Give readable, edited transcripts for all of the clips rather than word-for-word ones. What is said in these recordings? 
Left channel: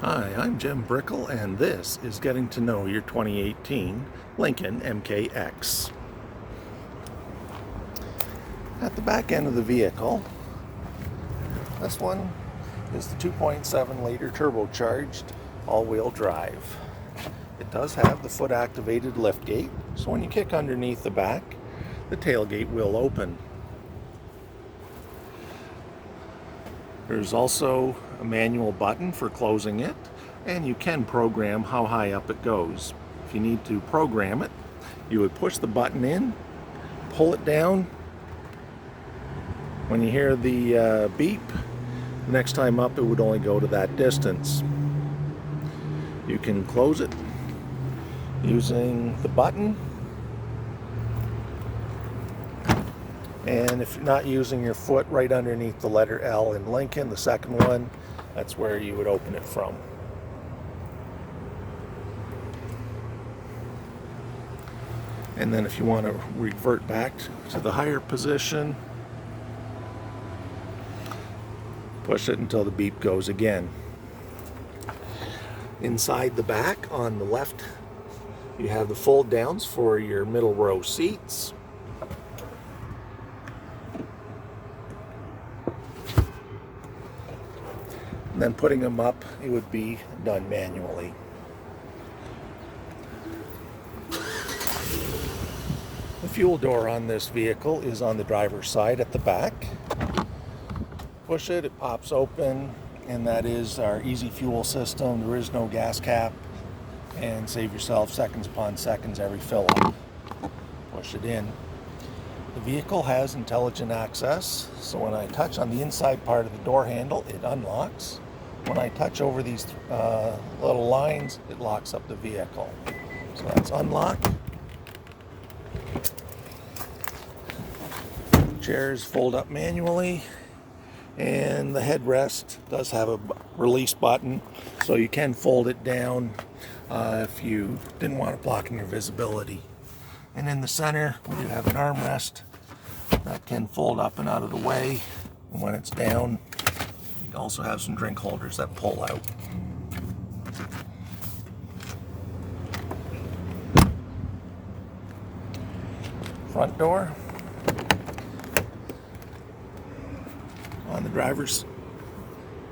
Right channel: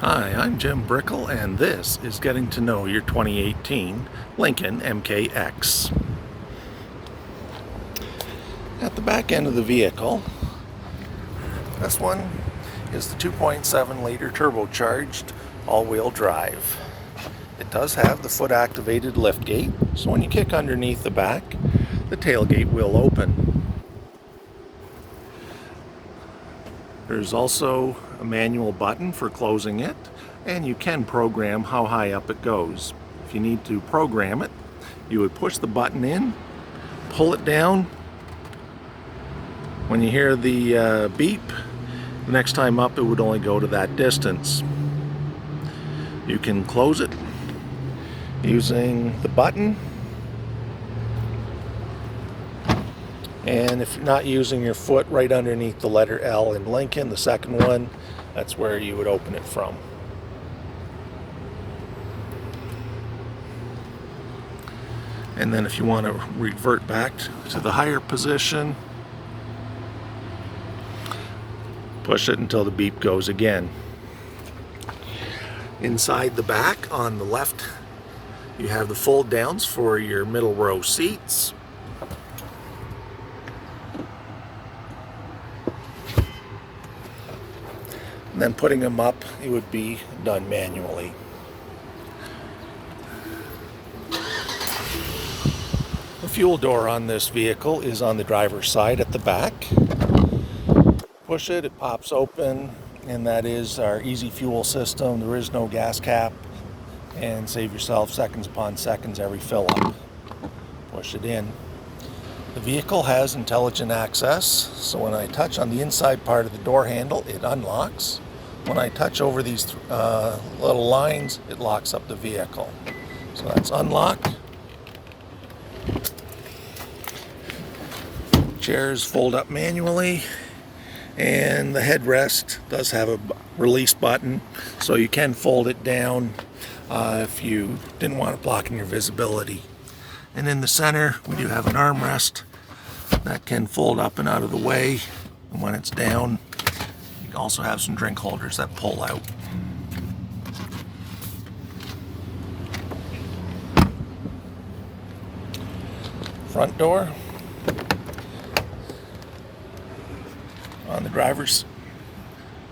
Hi, I'm Jim Brickell, and this is Getting to Know Your 2018 Lincoln MKX. At the back end of the vehicle, this one is the 2.7 liter turbocharged all-wheel drive. It does have the foot-activated liftgate, so when you kick underneath the back, the tailgate will open. There's also a manual button for closing it, and you can program how high up it goes. If you need to program it, you would push the button in, pull it down. When you hear the beep, the next time up it would only go to that distance. You can close it using the button, and if you're not using your foot right underneath the letter L in Lincoln, the second one, that's where you would open it from. And then if you want to revert back to the higher position, push it until the beep goes again. Inside the back on the left, you have the fold downs for your middle row seats. And then putting them up, it would be done manually. The fuel door on this vehicle is on the driver's side at the back. Push it, it pops open, and that is our easy fuel system. There is no gas cap, and save yourself seconds upon seconds every fill up. Push it in. The vehicle has intelligent access, so when I touch on the inside part of the door handle, it unlocks. When I touch over these little lines, it locks up the vehicle. So that's unlock. Chairs fold up manually, and the headrest does have a release button, so you can fold it down if you didn't want it blocking your visibility. And in the center, we do have an armrest that can fold up and out of the way, and when it's down, you can also have some drink holders that pull out. Front door. On the driver's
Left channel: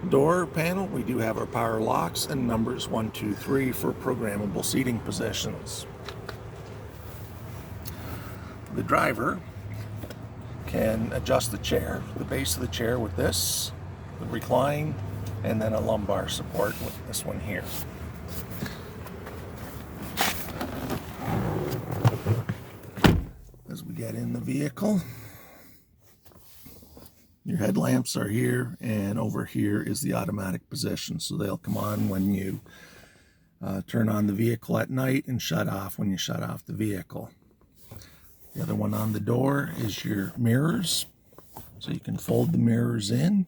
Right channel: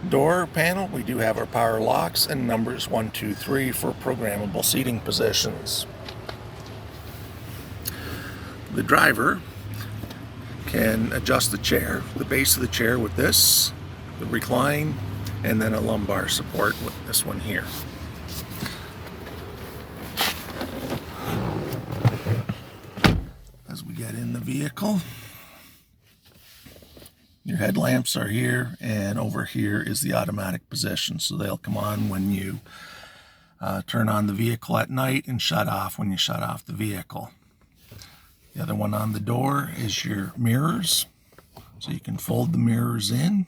door panel, we do have our power locks and numbers 1, 2, 3 for programmable seating positions. The driver can adjust the chair, the base of the chair with this, the recline, and then a lumbar support with this one here. As we get in the vehicle, your headlamps are here, and over here is the automatic position, so they'll come on when you turn on the vehicle at night and shut off when you shut off the vehicle. The other one on the door is your mirrors, so you can fold the mirrors in,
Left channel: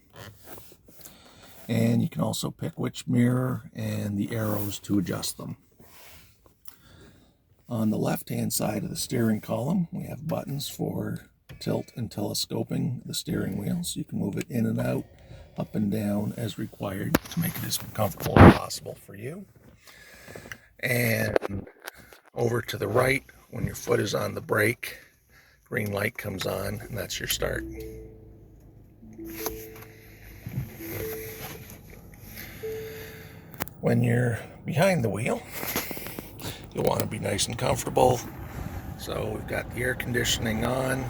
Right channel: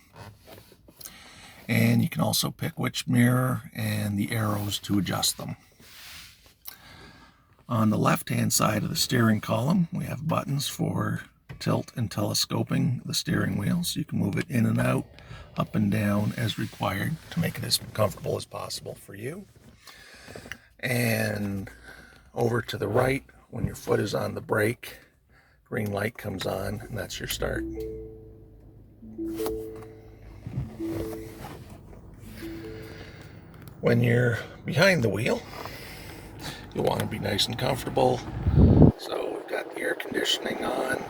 and you can also pick which mirror and the arrows to adjust them. On the left-hand side of the steering column, we have buttons for tilt and telescoping the steering wheel, so you can move it in and out, up and down as required to make it as comfortable as possible for you. And over to the right, when your foot is on the brake, green light comes on, and that's your start. When you're behind the wheel, you'll want to be nice and comfortable, so we've got the air conditioning on,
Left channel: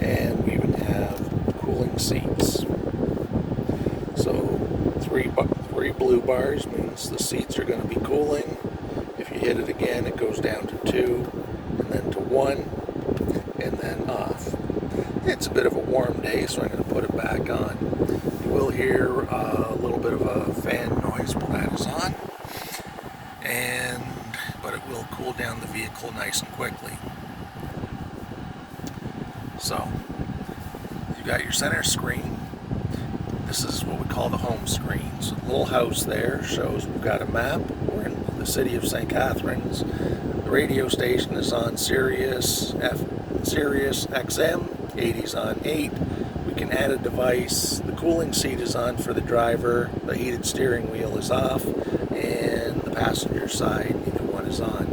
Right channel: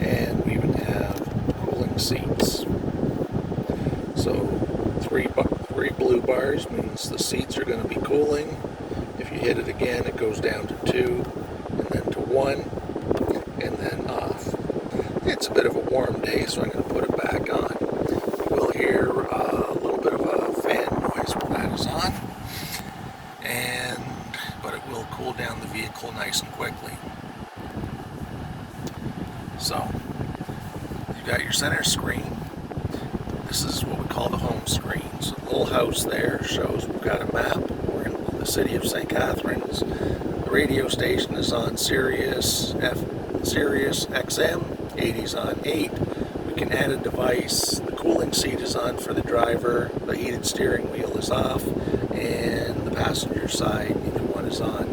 and we even have cooling seats. So three blue bars means the seats are going to be cooling. If you hit it again, it goes down to 2, and then to 1, and then off. It's a bit of a warm day, so I'm going to put it back on. You will hear a little bit of a fan noise when that is on, but it will cool down the vehicle nice and quickly. So, you've got your center screen. This is what we call the home screen. So the little house there shows we've got a map. We're in the city of St. Catharines. The radio station is on Sirius XM, 80's on 8. We can add a device. The cooling seat is on for the driver, the heated steering wheel is off, and the passenger side, either one is on.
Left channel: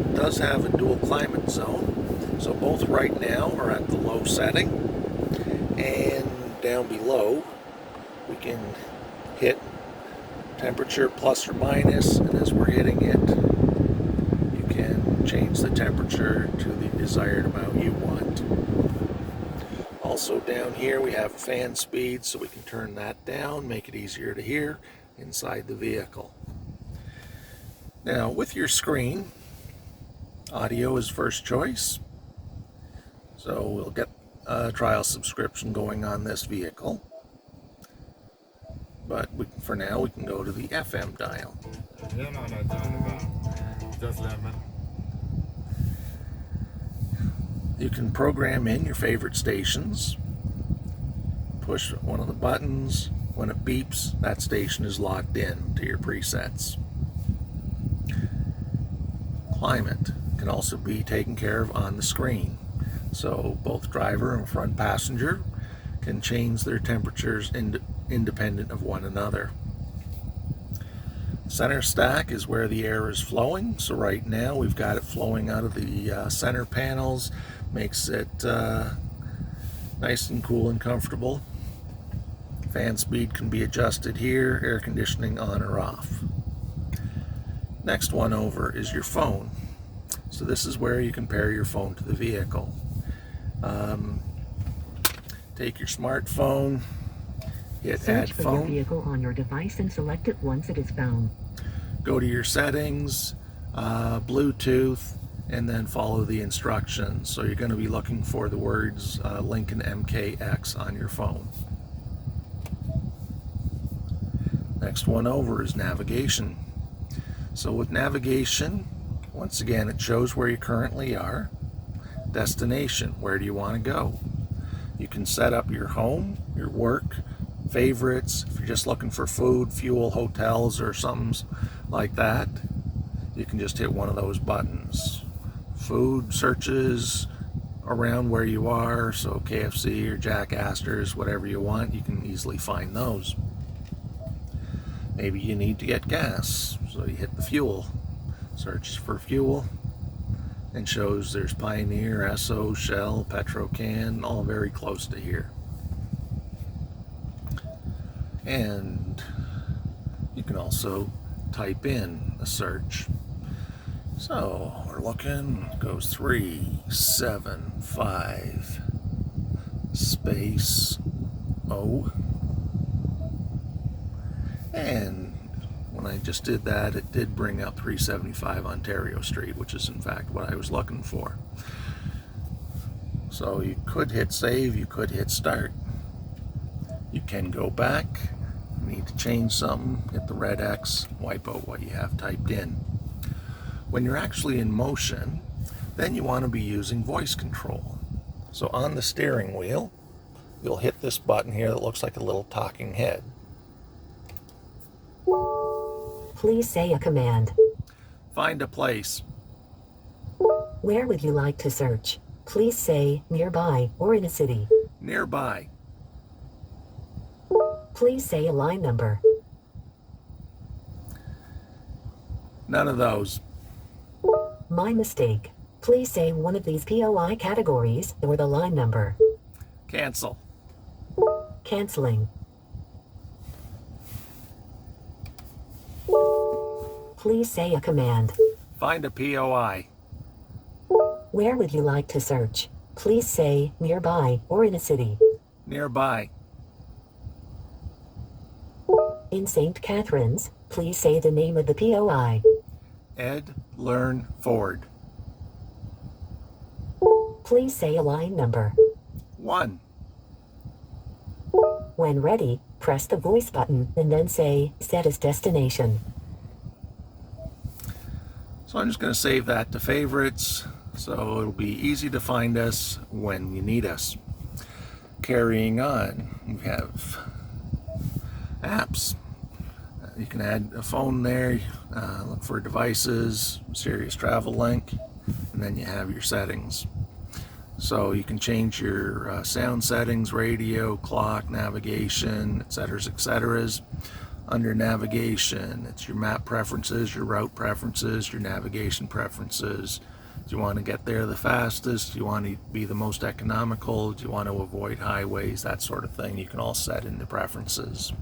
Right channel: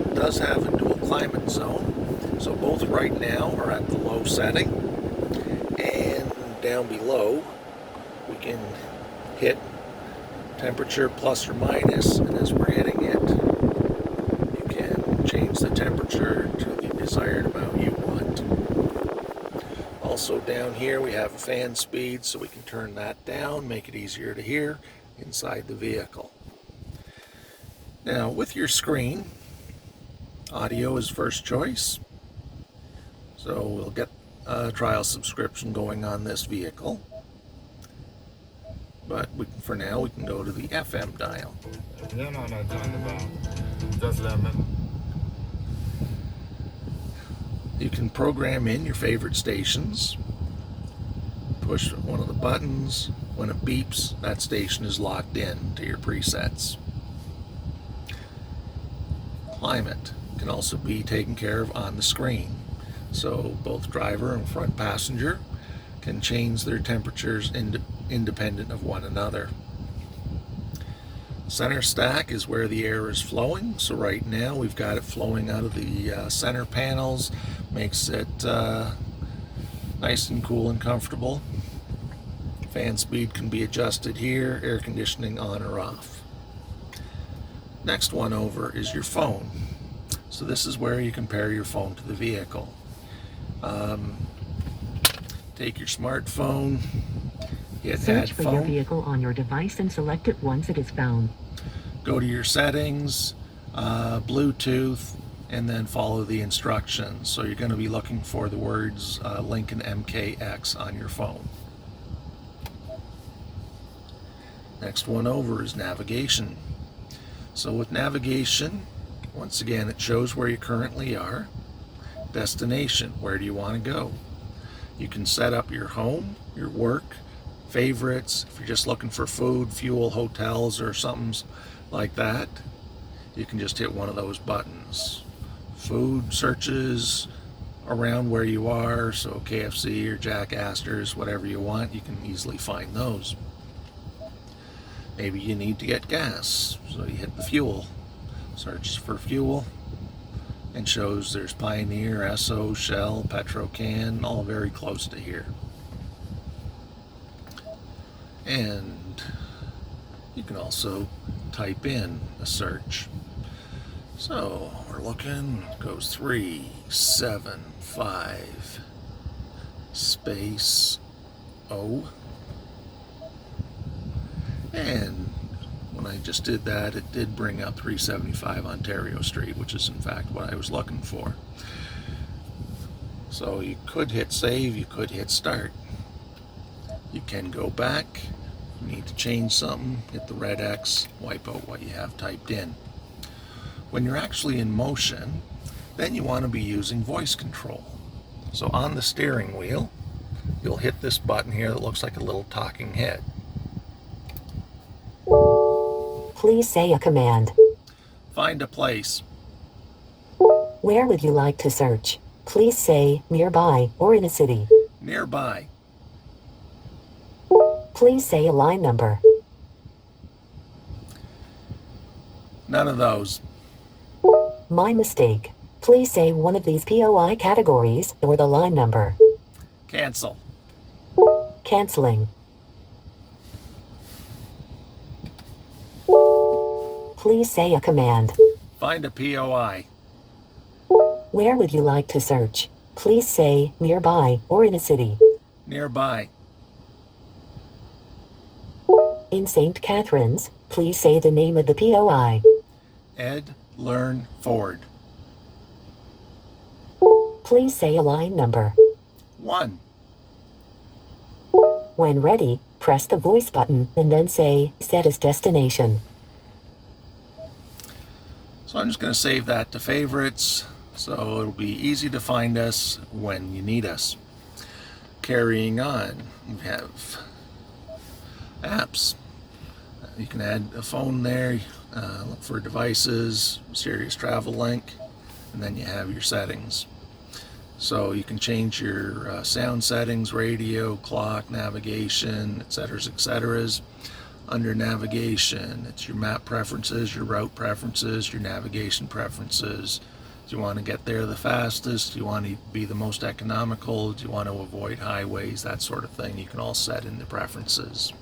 It does have a dual climate zone, so both right now are at the low setting, and down below we can hit temperature plus or minus, and as we're hitting it, you can change the temperature to the desired amount you want. Also down here we have fan speed, so we can turn that down, make it easier to hear inside the vehicle. Now with your screen, audio is first choice, so we'll get a trial subscription going on this vehicle. But for now, we can go to the FM dial. You can program in your favorite stations. Push one of the buttons. When it beeps, that station is locked in to your presets. Climate can also be taken care of on the screen. So both driver and front passenger can change their temperatures independent of one another. Center stack is where the air is flowing, so right now we've got it flowing out of the center panels, makes it nice and cool and comfortable. Fan speed can be adjusted here, air conditioning on or off. Next one over is your phone. So this is where you can pair your phone to the vehicle. Take your smartphone, hit Search add for phone. your vehicle on your device and select it once it is found. Go to your settings, Bluetooth, and then follow the instructions. So you're going to be looking for the words Lincoln MKX on your phone. Next one over is navigation. So with navigation, once again, it shows where you currently are. Destination, where do you want to go? You can set up your home, your work, favorites. If you're just looking for food, fuel, hotels, or something like that, you can just hit one of those buttons. Food searches around where you are, so KFC or Jack Astor's, whatever you want, you can easily find those. Maybe you need to get gas, so you hit the fuel. Search for fuel, and shows there's Pioneer, Esso, Shell, Petrocan, all very close to here. And you can also type in a search. So we're looking, goes 375 space O. And when I just did that, it did bring up 375 Ontario Street, which is in fact what I was looking for. So you could hit save, you could hit start. You can go back, you need to change something, hit the red X, wipe out what you have typed in. When you're actually in motion, then you want to be using voice control. So on the steering wheel, you'll hit this button here that looks like a little talking head. Please say a command. Find a place. Where would you like to search? Please say nearby or in a city. Nearby. Please say a line number. None of those. My mistake. Please say one of these POI categories or the line number. Cancel. Canceling. Please say a command. Find a POI. Where would you like to search? Please say nearby or in a city. Nearby. In St. Catharines, please say the name of the POI. Ed Learn Ford. Please say a line number. 1. When ready, press the voice button and then say set as destination. So I'm just going to save that to favorites, so it'll be easy to find us when you need us. Carrying on, we have apps. You can add a phone there, look for devices, Sirius Travel Link, and then you have your settings. So you can change your sound settings, radio, clock, navigation, etc. Under navigation, it's your map preferences, your route preferences, your navigation preferences. Do you want to get there the fastest? Do you want to be the most economical? Do you want to avoid highways? That sort of thing you can all set in the preferences.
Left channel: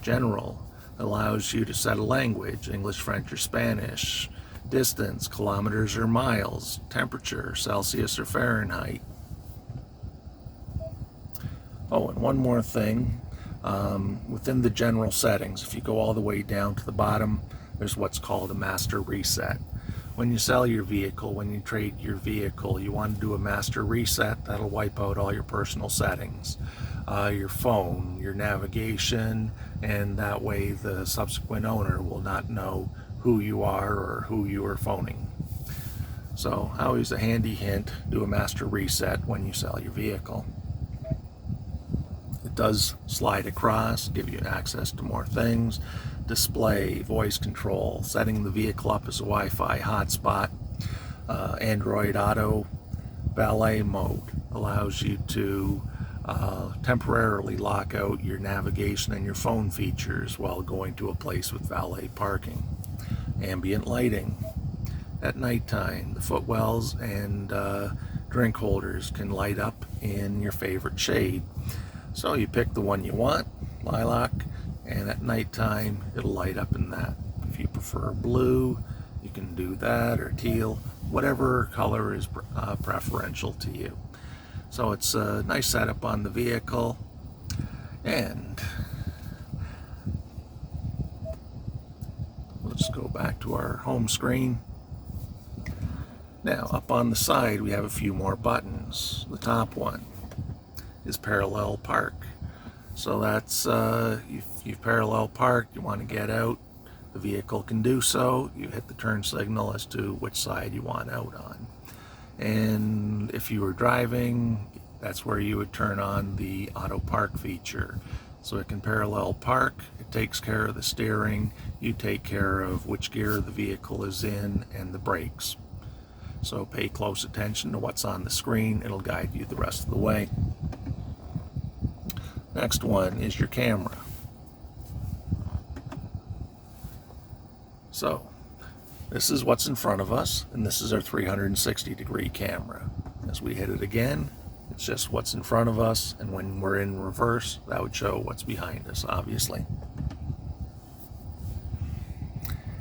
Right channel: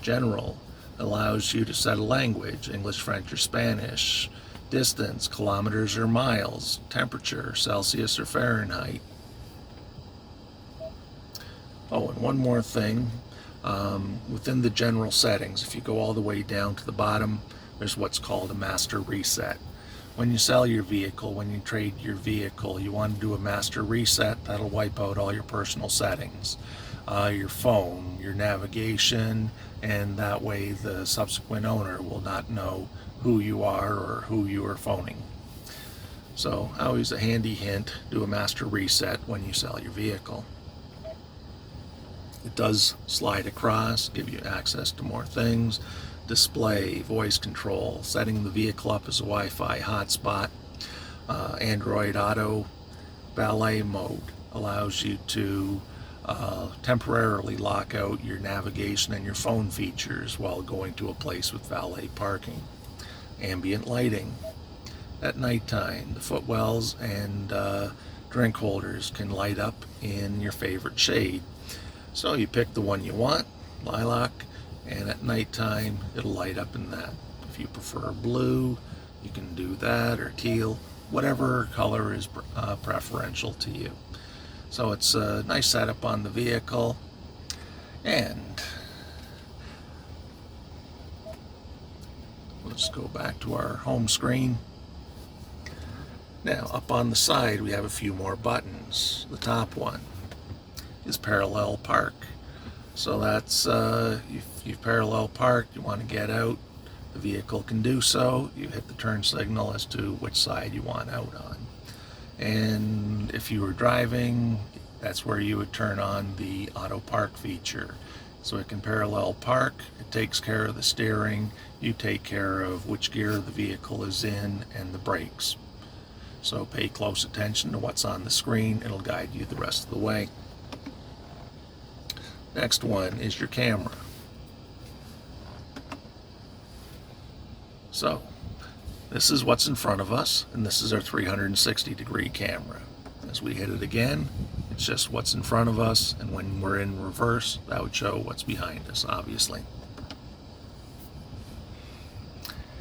General allows you to set a language, English, French, or Spanish. Distance, kilometers or miles. Temperature, Celsius or Fahrenheit. Oh, and one more thing. Within the general settings, if you go all the way down to the bottom, there's what's called a master reset. When you sell your vehicle, when you trade your vehicle, you want to do a master reset. That'll wipe out all your personal settings, your phone, your navigation, and that way the subsequent owner will not know who you are or who you are phoning. So always a handy hint, do a master reset when you sell your vehicle. It does slide across, give you access to more things. Display, voice control, setting the vehicle up as a Wi-Fi hotspot. Android Auto valet mode allows you to temporarily lock out your navigation and your phone features while going to a place with valet parking. Ambient lighting. At nighttime, the footwells and drink holders can light up in your favorite shade. So you pick the one you want, lilac, and at nighttime it'll light up in that. If you prefer blue, you can do that, or teal, whatever color is preferential to you. So it's a nice setup on the vehicle. And let's go back to our home screen. Now, up on the side, we have a few more buttons. The top one is parallel park. So that's, if you've parallel parked, you want to get out, the vehicle can do so. You hit the turn signal as to which side you want out on. And if you were driving, that's where you would turn on the auto park feature. So it can parallel park, it takes care of the steering, you take care of which gear the vehicle is in and the brakes. So pay close attention to what's on the screen, it'll guide you the rest of the way. Next one is your camera. So this is what's in front of us, and this is our 360-degree camera. As we hit it again, it's just what's in front of us, and when we're in reverse, that would show what's behind us, obviously.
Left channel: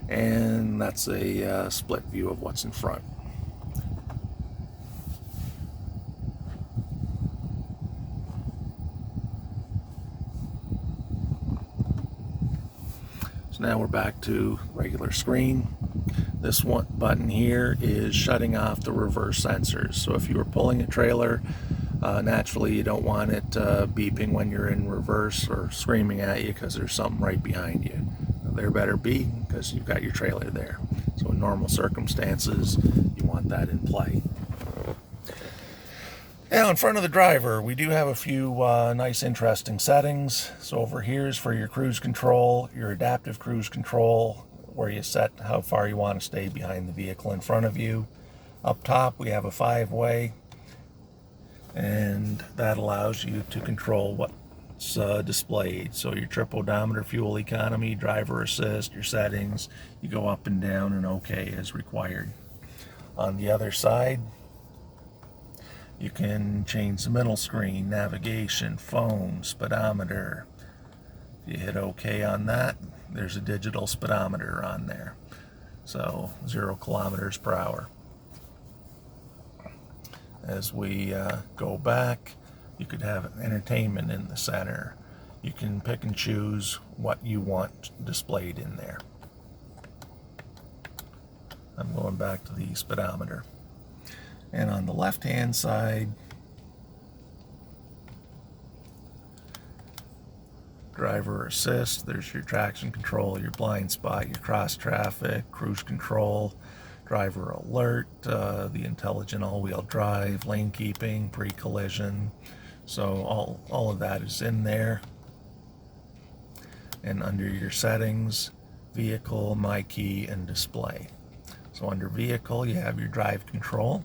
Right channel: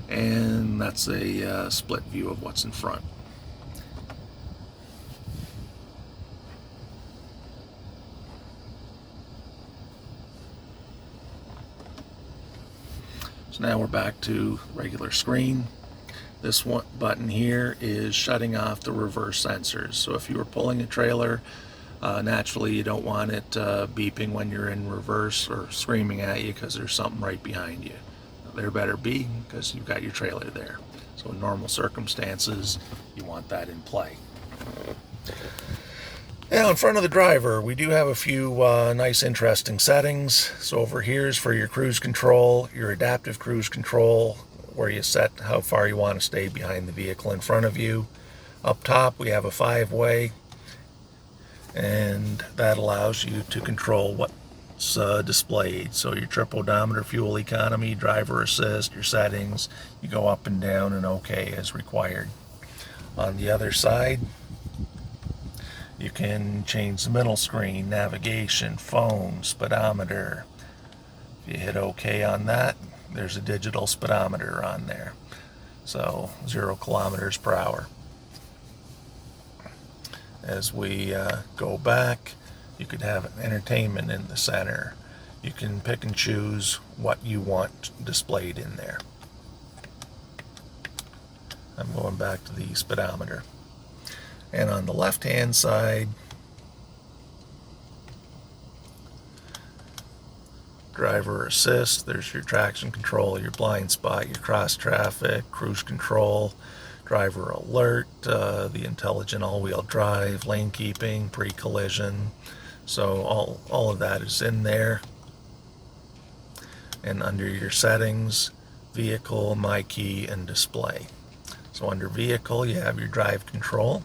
And that's a split view of what's in front. So now we're back to regular screen. This one button here is shutting off the reverse sensors. So if you were pulling a trailer, naturally you don't want it beeping when you're in reverse or screaming at you because there's something right behind you. There better be, because you've got your trailer there. So in normal circumstances, you want that in play. Now in front of the driver, we do have a few nice interesting settings. So over here is for your cruise control, your adaptive cruise control, where you set how far you want to stay behind the vehicle in front of you. Up top we have a 5-way, and that allows you to control what's displayed. So your trip odometer, fuel economy, driver assist, your settings, you go up and down and OK as required. On the other side, you can change the middle screen, navigation, phone, speedometer. If you hit OK on that, there's a digital speedometer on there. So 0 kilometers per hour. As we go back, you could have entertainment in the center. You can pick and choose what you want displayed in there. I'm going back to the speedometer. And on the left-hand side, driver assist, there's your traction control, your blind spot, your cross traffic, cruise control, driver alert, the intelligent all-wheel drive, lane keeping, pre-collision. So all of that is in there. And under your settings, vehicle, my key, and display. So under vehicle, you have your drive control.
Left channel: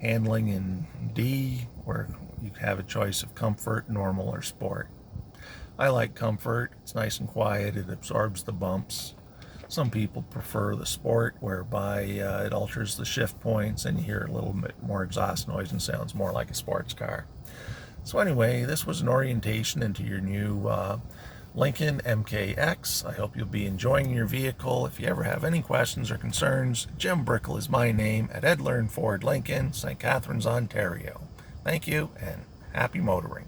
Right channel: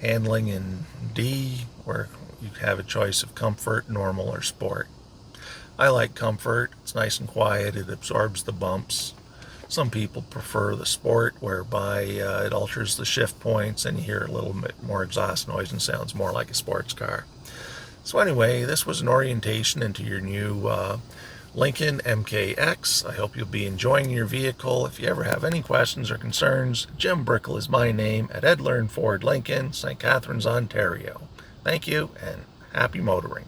Handling in D, where you have a choice of comfort, normal, or sport. I like comfort. It's nice and quiet. It absorbs the bumps. Some people prefer the sport, whereby it alters the shift points and you hear a little bit more exhaust noise and sounds more like a sports car. So anyway, this was an orientation into your new Lincoln MKX. I hope you'll be enjoying your vehicle. If you ever have any questions or concerns, Jim Brickell is my name at Ed Learn Ford Lincoln, St. Catharines, Ontario. Thank you and happy motoring.